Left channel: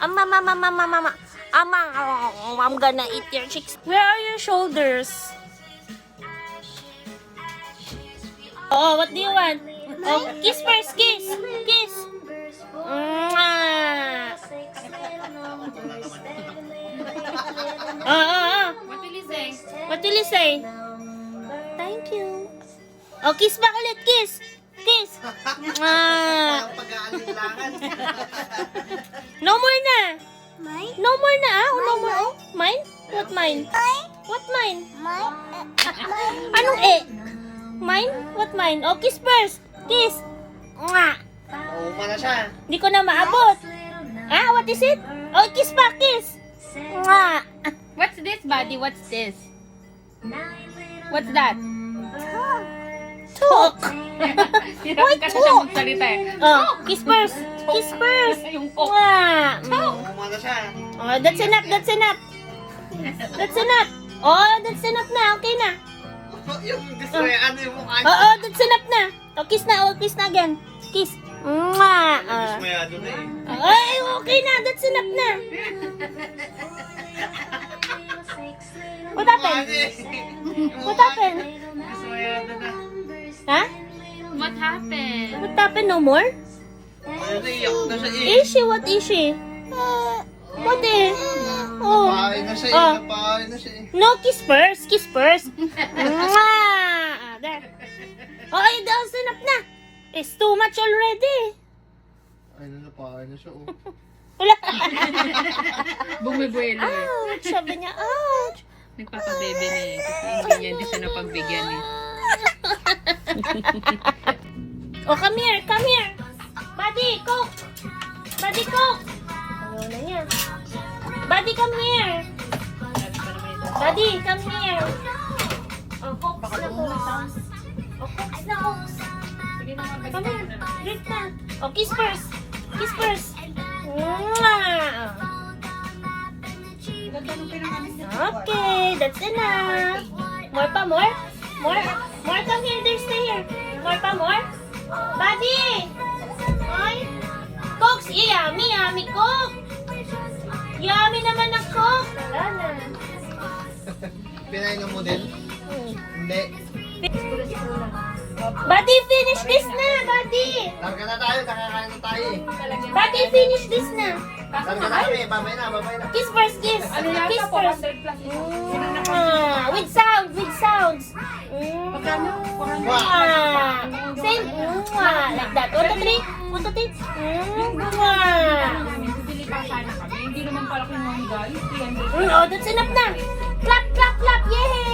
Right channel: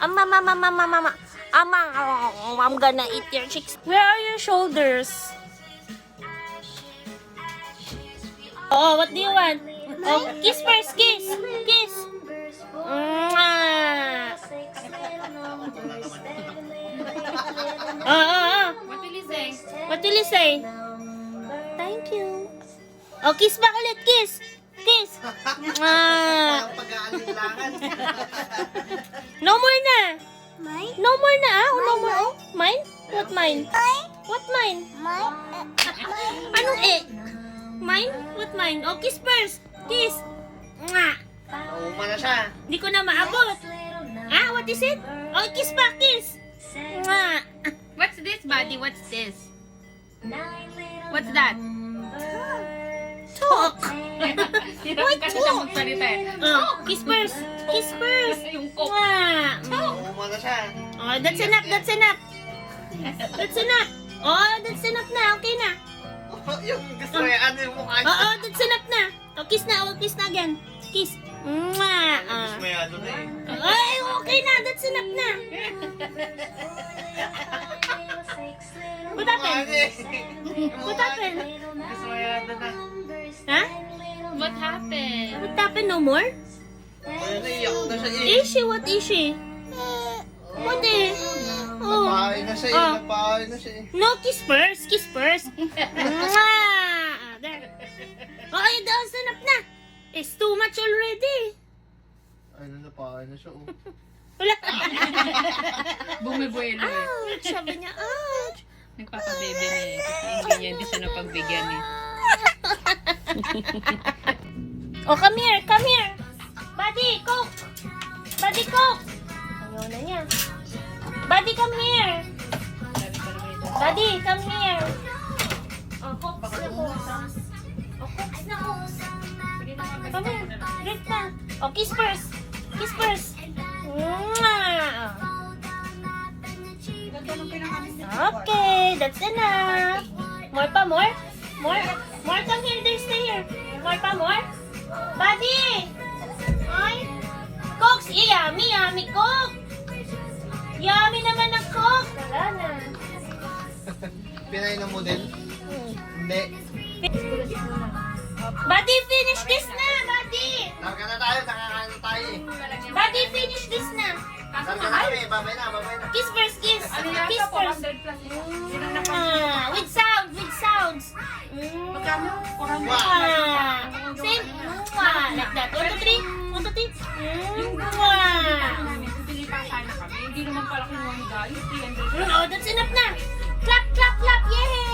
Mama. I'm gonna eat your cheeks. Where are your shoulders? Oh, what do you want? Oh, kiss first, kiss. Kiss. Mwah. Oh. What will you say? What will you say? Thank you. Oh, kiss back ulit, kiss. Kiss. Mwah. Pag-aalinlangan. No more na. Mine? No more na, ah. No more. Oh, mine? What mine? What mine? Mine? Anong eh? Mine? What mine? Oh, kiss first. Kiss. Mwah. Uma na siya. Hindi ko na maabot. Ah, what is it? Oh, kiss back, kiss. Mwah. What's this, buddy? What's this? What's that? Talk. Hirap kasi siya magsalita eh. Oh, kiss first. Kiss first. Yung coke. Mwah. Uma na siya. Oh, that's enough. That's enough. That's enough. Oh, that's enough na. Okay na. Yung gusto mo ano yung mukha niya. Oo, that's enough na. Oh, kiss na. Oh, kiss na again. Kiss. Mwah. Gusto mo yung ano na eh. Ay, okay na. That's enough na. What happened? What happened? Gusto mo yung ano na. Ha? What happened? What happened? No more? Ano na iyak na siya eh. Is she? What is she? What is? Oh. Napain na siya eh. Oh. Napain na siya eh. No, kiss first. Kiss first. Mwah. There. Oh, that's enough na. It's too much already. Ay na napain na siya oh. Wala. Bumibuelo eh. Ouch. Sabi niya, ouch. Nagpapabebe na eh. Kasi hindi siya napagbigyan eh. Oh, come here. Come here. Buddy, Coke. Buddy, Coke. Ayaw na niya. Buddy, come here. Buddy, come here. Oh, Coke na Coke. Oh, Coke na Coke. Come here. Drink na. Oh, kiss first. Kiss first. Mwah. Okay, that's enough. More pa, more? More? More, come here. There's stay here. More pa, more? Buddy! Ay! Coke! Yummy Coke! Yummy naman ang Coke! Wala na. Pinainom mo din? Hindi. Buddy, finish this na! Buddy! Larga na tayo. Nakakain na tayo eh. Buddy, finish this na! Larga na kami. Babay na. Babay na. Kiss first, kiss! Kiss first! With sounds! With sounds! Mwah. Same! Mwah. Like that. 1, 2, 3! 1, 2, 3! Mwah. Hindi naman pala kung guys. Oh, that's enough na! Clap, clap, clap! Yay!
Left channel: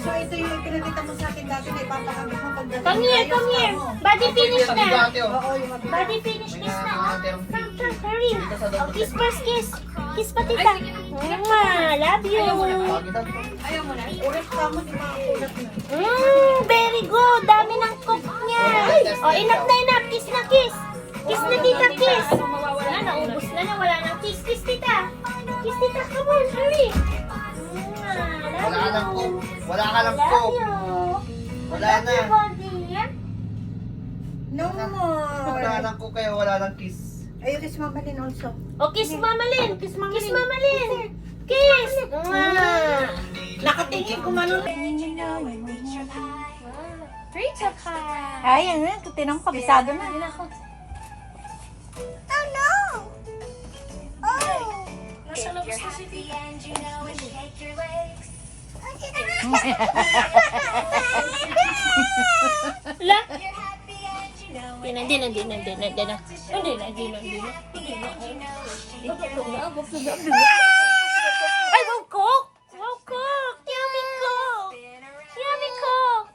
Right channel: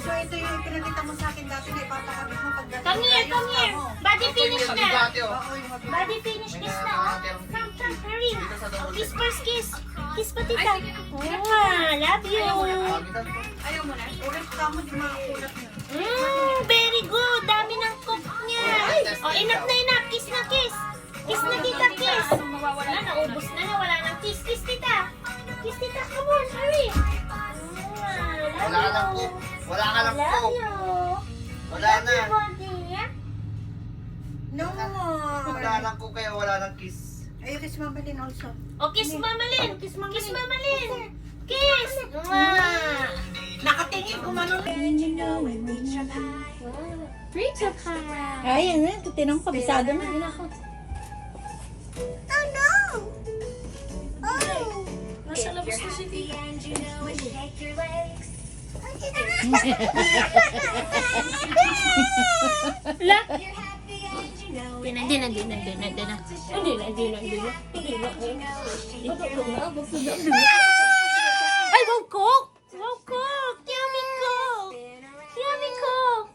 So ito yung pinakita mo sa akin dati na ipapakabit mo pag Come here, come here! Buddy, finish Sabi na! dati oh. Buddy, finish kiss na! Come, come, hurry! Oh, kiss first, kiss! Kiss pa, tita! Mwah! Love you! ayaw mo na. Oras ka mo, di makakulat na. Very good! Dami ng cook niya! Oh, enough na enough! Kiss na, kiss! Kiss na, tita, kiss! Wala, naubos na na. Wala nang kiss. Kiss, tita! Kiss, tita! Come on, hurry! Mwah! Wala ka lang Love po. you! Wala ka lang po. Love you! Wala Love na. you, Bondy! No more. Wala lang ko kaya wala lang kiss. Ayaw kiss Mama Lin also. Oh, kiss Mama Lin! Kiss Mama Lin! Kiss! Mwah! Nakatingin kung ano. Rachel pie. Ay, ano, tinang kabisado na. Oh no! Oh! Nasa labas na siya dito. La? Hindi na. Ay, wow, Coke! Wow, Coke! Yummy Coke! Yummy Coke!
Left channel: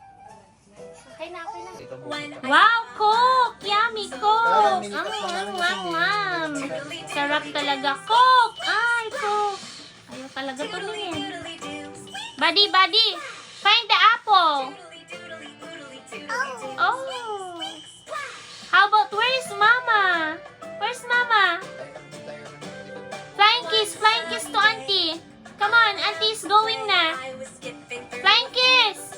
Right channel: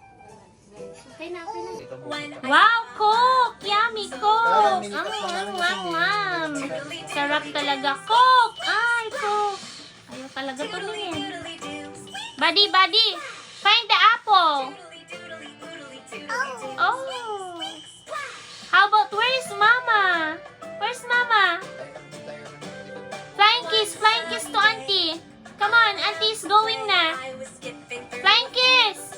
Okay na. Wow, Coke! Yummy Coke! Sarap talaga. Coke! Ay, Coke! Ayaw talaga tumingin. Buddy! Find the apple! Oh! How about, where's Mama? Where's Mama? Flying kiss to Auntie. Come on, Auntie is going na. Flying kiss.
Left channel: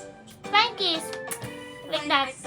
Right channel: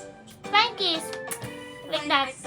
Like that.